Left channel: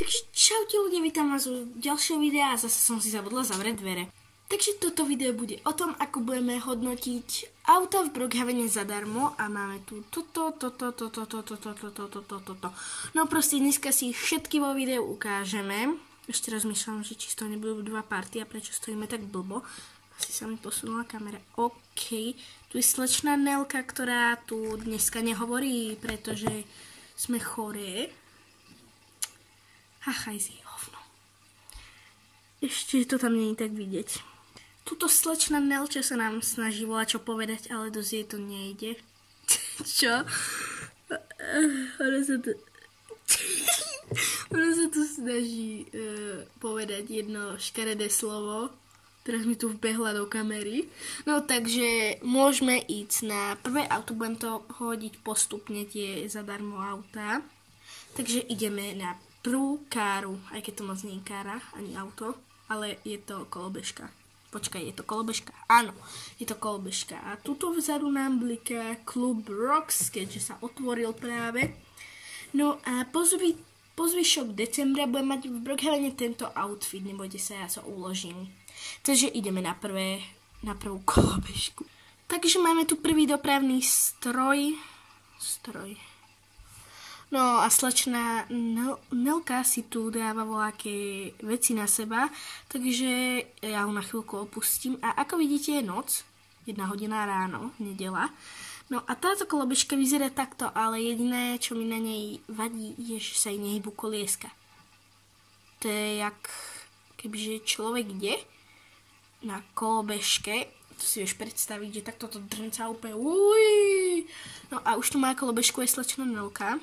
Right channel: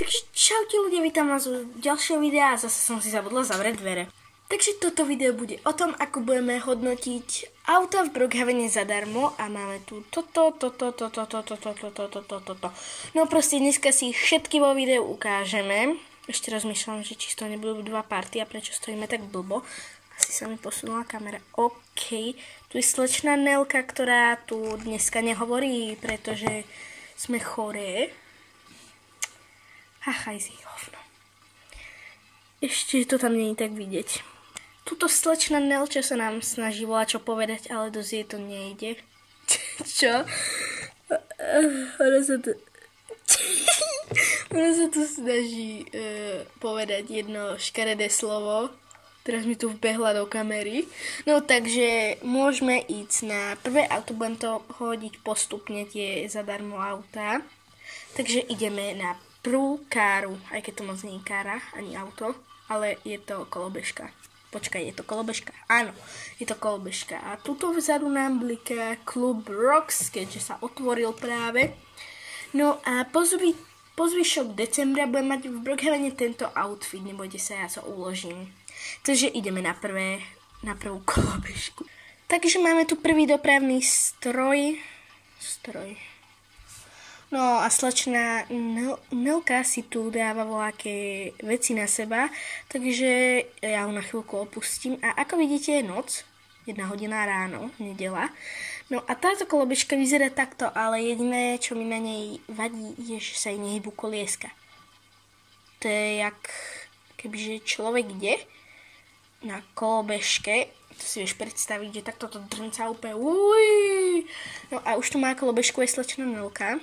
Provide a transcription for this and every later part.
Takže čaute ľudia, vítam vás u ďalšieho videa a zase som si zabudla zavrieť dvere. Takže toto video bude o tom, ako budeme hodnotiť auta v Brookhavene zadarmo a máme tu toto. No proste dneska si všetky vo videu ukážeme. Ešte rozmýšľam, že či z toho nebudú dva party a prečo stojíme tak blbo. Asi sa mi posunula kamera. OK, tu je slečna Nelka, ktorá tu dneska nehovorí, pretože sme choré. Hachaj si hovno. Ešte to tam nie je tak vidieť. Tuto slečna Nelča sa nám snaží volať čo povedať, ale dosť jej to nejde. Čo? Ona sa tu snaží povedať jedno škaredé slovo. Teraz mi tu vbehla do kamery. No takže môžeme ísť na prvé auto. Budem to hodiť postupne tie zadarmo autá. Takže ideme na prvú káru, aj keď to moc nie je kára, ani auto, ale je to kolobežka. Počkaj, je to kolobežka? Áno, je to kolobežka. A tuto vzadu nám bliká klub Rocks, keďže sa otvoril práve. No a po zvyšok decembra budem mať v Brookhavene tento outfit, nebojte sa, ja to uložím. Takže ideme na prvú kolobežku. Takže máme tu prvý dopravný stroj. No a slečna Nelka si tu dáva voľaké veci na seba, takže ja ho na chvíľku opustím. A ako vidíte je noc, 1 hodina ráno, nedeľa. No a táto kolobežka vyzerá takto, ale jediné, čo mi na nej vadí, je, že sa jej nehybu kolieska. To je jak kebyže človek ide na kolobežke, to si vieš predstaviť, že takto to drnca úplne. Uj. No a už tu má kolobežku aj slečna Nelka.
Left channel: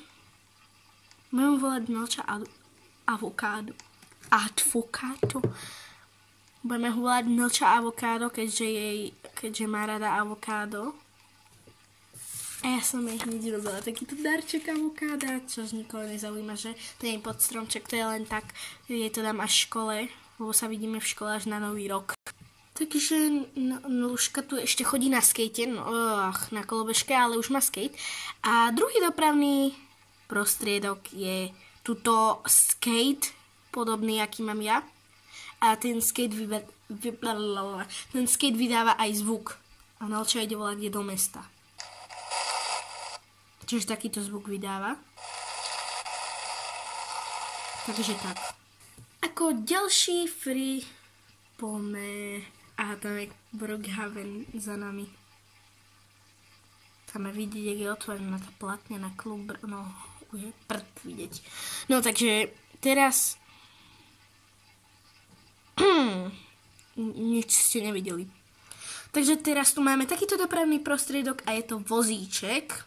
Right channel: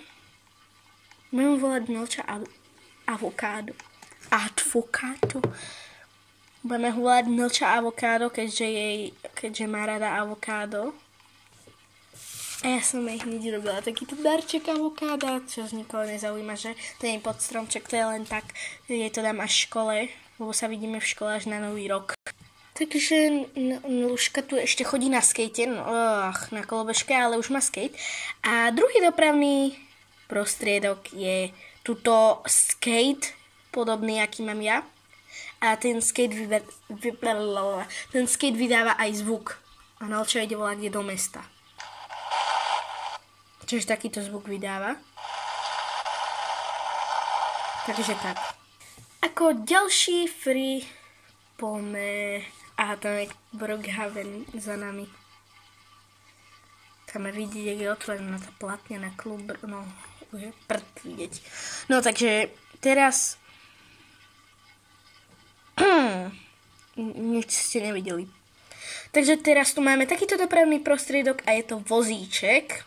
Budem volať Nelča avokádo. Budeme volať Nelča avokádo, keďže má rada avokádo. A ja som jej hneď robila takýto darček avokáda, čo nikoho nezaujíma, že to nie je pod stromček, to je len tak, jej to dám až v škole, lebo sa vidíme v škole až na nový rok. Takže Lužka tu ešte chodí na skate, na kolobežke, ale už má skate. A druhý dopravný prostriedok je tuto skate, podobný, aký mám ja. A ten skate vydáva aj zvuk. A Nelča ide volať do mesta. Čiže takýto zvuk vydáva. Takže tak. Ako ďalší free pome. Aha, tam je Brookhaven za nami. Tam vidieť, je otvorená tá platňa na klub. No, už je prd vidieť. No, takže teraz nič ste nevideli. Takže teraz tu máme takýto dopravný prostriedok a je to vozíček.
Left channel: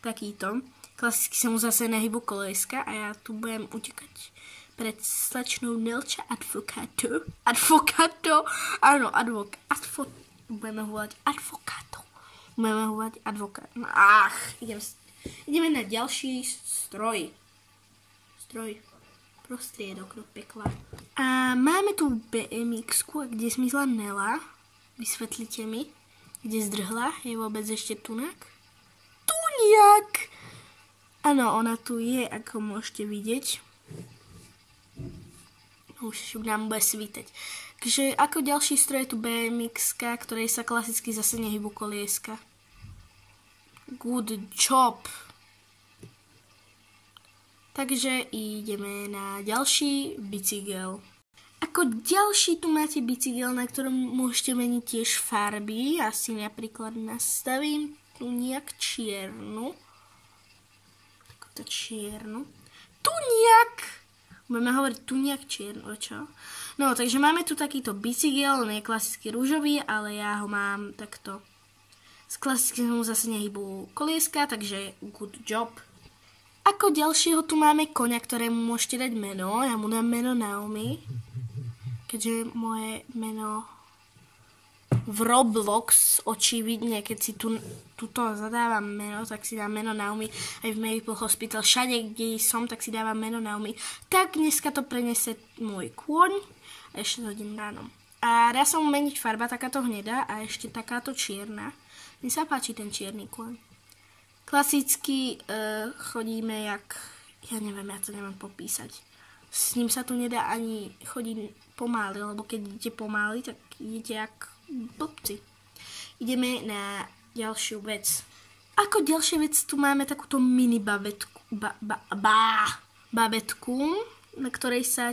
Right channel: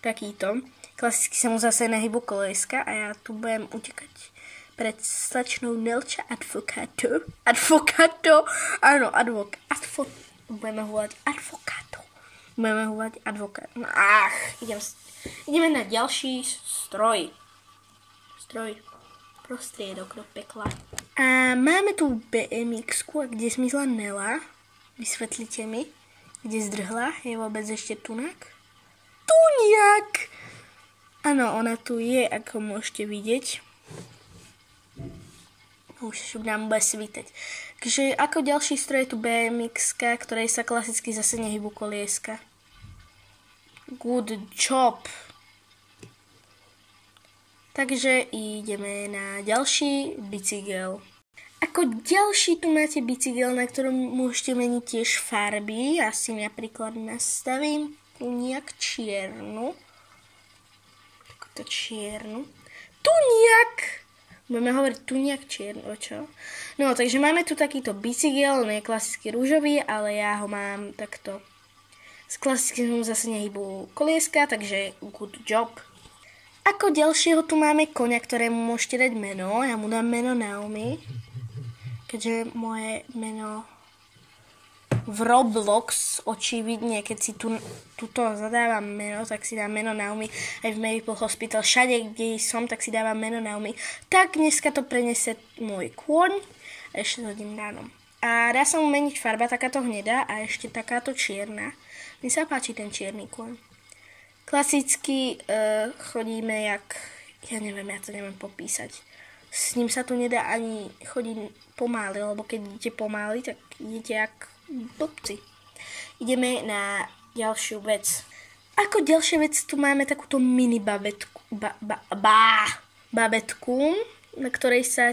Takýto. Klasicky sa mu zase nehybu kolieska a ja tu budem utekať pred slečnou Nelča advokáto. Áno, budeme volať advokáto. Ideme na ďalší stroj. Prostriedok do pekla. A máme tu BMX-ku, kde zmizla Nela. Vysvetlite mi, kde zdrhla. Je vôbec ešte tunak? Tuniak! Áno, ona tu je, ako môžete vidieť. Už nám bude svítať. Takže ako ďalší stroj je tu BMX-ka, ktorej sa klasicky zase nehybu kolieska. Good job. Takže ideme na ďalší bicykel. Ako ďalší tu máte bicykel, na ktorom môžete meniť tiež farby. Ja si napríklad nastavím tuniak čiernu. Takto čiernu. Tuniak! Budeme hovoriť tuniak čierno, čo? No, takže máme tu takýto bicykel, on je klasicky rúžový, ale ja ho mám takto. Z klasického zase nehybu kolieska, takže good job. Ako ďalšieho tu máme koňa, ktorému môžete dať meno. Ja mu dám meno Naomi, keďže moje meno v Roblox, očividne, keď si tuto zadávam meno, tak si dám meno Naomi. Aj v Maple Hospital, všade, kde som, tak si dávam meno Naomi. Tak dneska to prenese môj kôň a ešte to hodím ráno. A dá sa mu meniť farba, takáto hnedá a ešte takáto čierna. Mne sa páči ten čierny kôň. Klasicky chodíme jak, ja neviem, ja to neviem popísať. S ním sa tu nedá ani chodiť pomaly, lebo keď idete pomaly, tak idete jak blbci. Ideme na ďalšiu vec. Ako ďalšia vec tu máme takúto mini babetku, babetku, na ktorej sa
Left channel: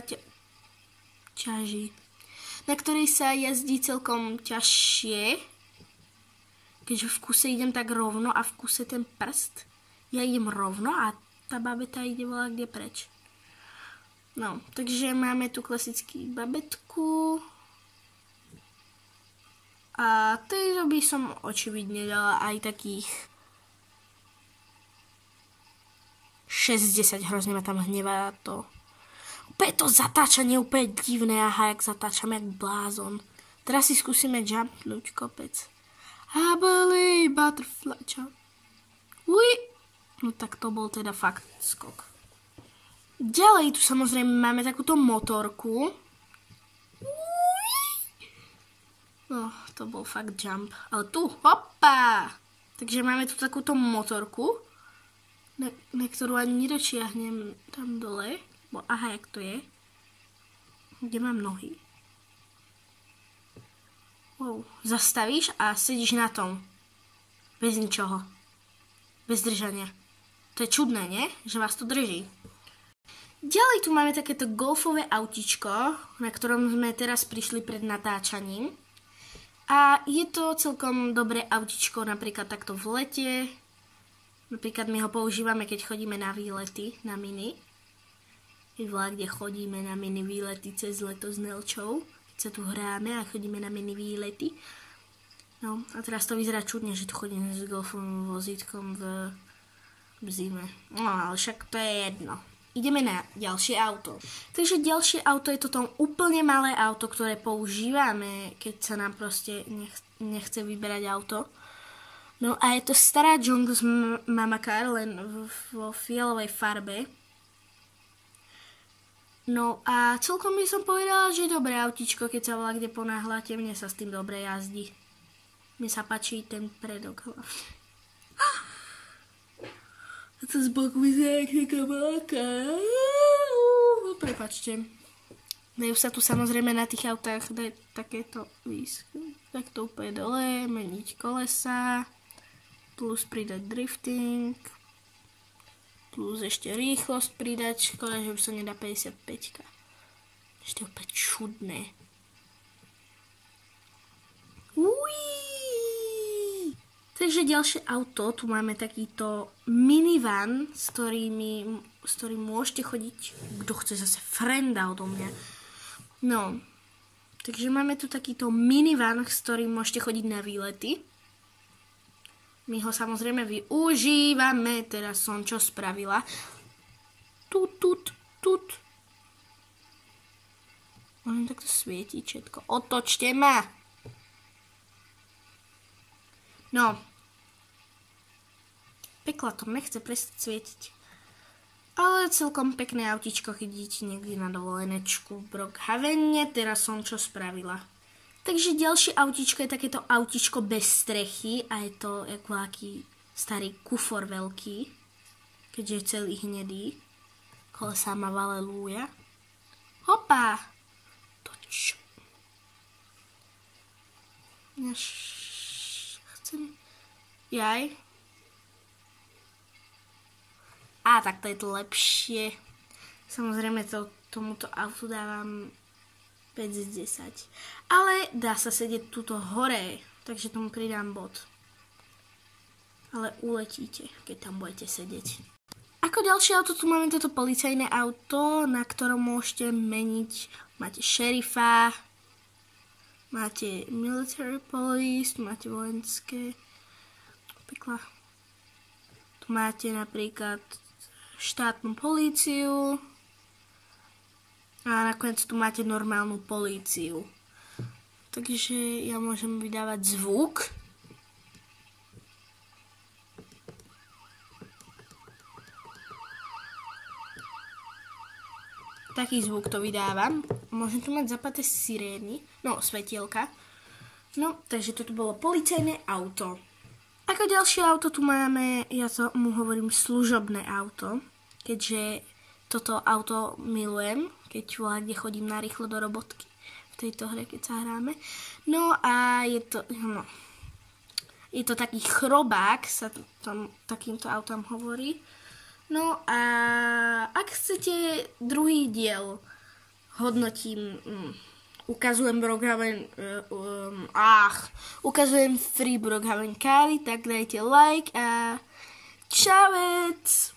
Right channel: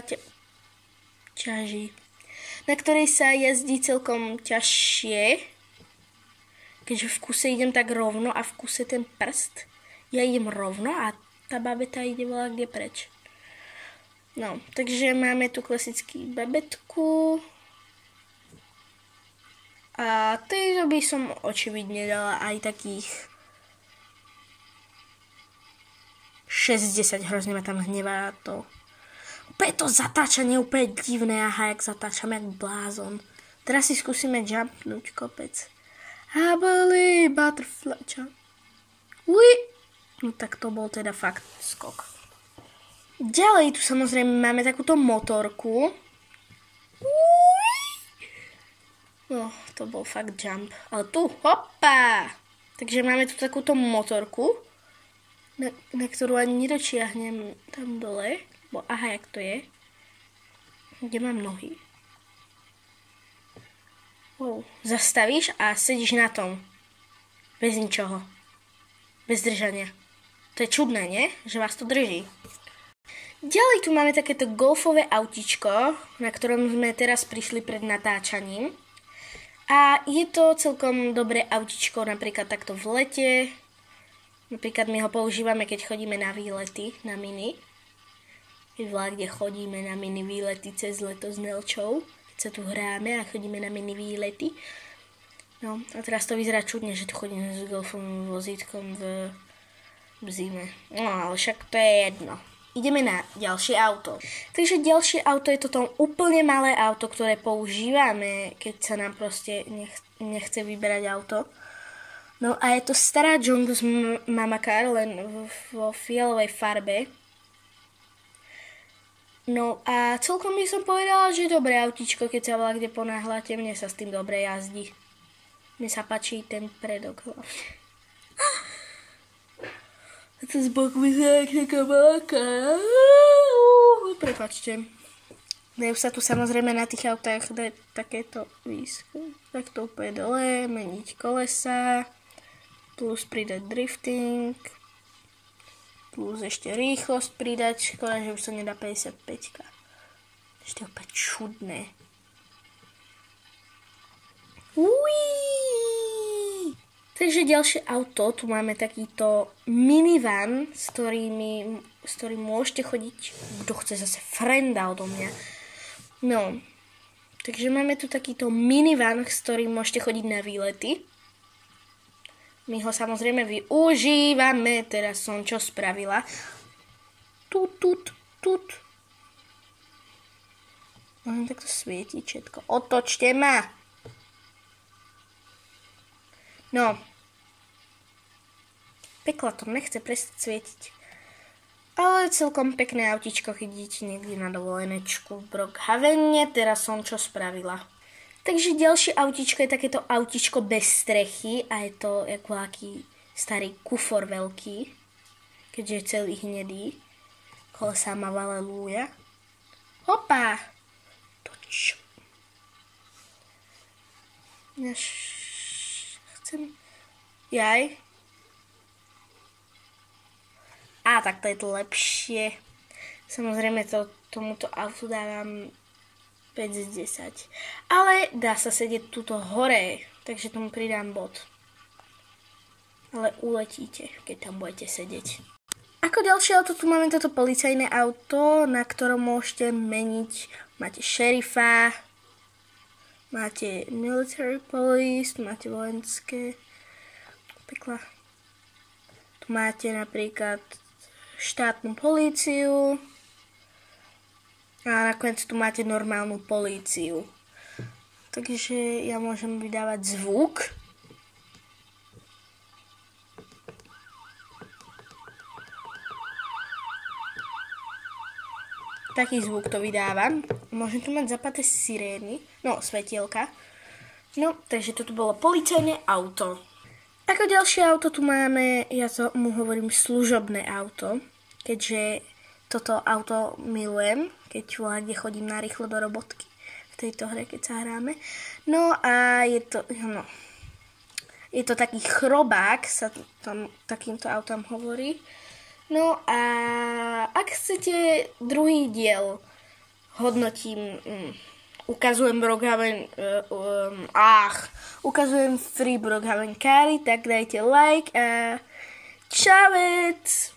ťaží. Na ktorej sa jazdí celkom ťažšie, keďže v kuse idem tak rovno a v kuse ten prst, ja idem rovno a tá babeta ide volá kde preč. No, takže máme tu klasický babetku. A tejto by som očividne dala aj takých 60, hrozne ma tam hnevá to. Úplne to zatáčanie úplne divné, aha, jak zatáčam, jak blázon. Teraz si skúsime jumpnúť kopec. I believe butterfly jump. Ui! No tak to bol teda fakt skok. Ďalej tu samozrejme máme takúto motorku. No, to bol fakt jump. Ale tu, hopa! Takže máme tu takúto motorku, na ktorú ani nedočiahnem tam dole. Bo aha, jak to je? Kde mám nohy? Wow. Zastavíš a sedíš na tom. Bez ničoho. Bez držania. To je čudné, nie? Že vás to drží. Ďalej tu máme takéto golfové autíčko, na ktorom sme teraz prišli pred natáčaním. A je to celkom dobré autíčko, napríklad takto v lete. Napríklad my ho používame, keď chodíme na výlety, na mini. Keď kde chodíme na mini výlety cez leto s Nelčou. Keď sa tu hráme a chodíme na mini výlety. No a teraz to vyzerá čudne, že tu chodíme s golfovým vozítkom v zime. No ale však to je jedno. Ideme na ďalšie auto. Takže ďalšie auto je toto úplne malé auto, ktoré používame, keď sa nám proste nechce vyberať auto. No a je to stará Jongo z Mama Car, len vo fialovej farbe. No a celkom by som povedala, že je dobré autíčko, keď sa kde ponáhľate, mne sa s tým dobre jazdí. Mne sa páči ten predok hlavne. A to z boku vyzerá jak taká veľká. Prepáčte. Dajú sa tu samozrejme na tých autách dať takéto výsky. Tak to úplne dole, meniť kolesa, plus pridať drifting, plus ešte rýchlosť pridať. Škoda, že už sa nedá 55. Ešte opäť čudné. Takže ďalšie auto, tu máme takýto minivan, s ktorým môžete chodiť, kto chce zase frenda odo mňa. No, takže máme tu takýto minivan, s ktorým môžete chodiť na výlety. My ho samozrejme využívame, teraz som čo spravila. Tut. Môžem takto svietiť všetko. Otočte ma! No, pekla to nechce prestať svietiť. Ale celkom pekné autíčko, keď idete niekde na dovolenečku v Brookhavene, teraz som čo spravila. Takže ďalšie autíčko je takéto autíčko bez strechy a je to ako aký starý kufor veľký, keďže je celý hnedý. Kolesá má halelúja. Hopa! Toč. Jaj. A tak to je to lepšie. Samozrejme tomuto autu dávam 5 z 10. Ale dá sa sedieť tuto hore, takže tomu pridám bod. Ale uletíte, keď tam budete sedieť. Ako ďalšie auto tu máme toto policajné auto, na ktorom môžete meniť. Máte šerifa, máte military police, máte vojenské. Pekla. Tu máte napríklad štátnu políciu a nakoniec tu máte normálnu políciu. Takže ja môžem vydávať zvuk. Taký zvuk to vydávam. Môžem tu mať zapaté sirény, no svetielka. No, takže toto bolo policajné auto. Ako ďalšie auto tu máme, ja mu hovorím služobné auto, keďže toto auto milujem, keď kde chodím narýchlo do robotky v tejto hre, keď sa hráme. No a je to taký chrobák, sa tam takýmto autom hovorí. No a ak chcete druhý diel, hodnotím, ukazujem Free Brookhaven Kari, tak dajte like a čavec!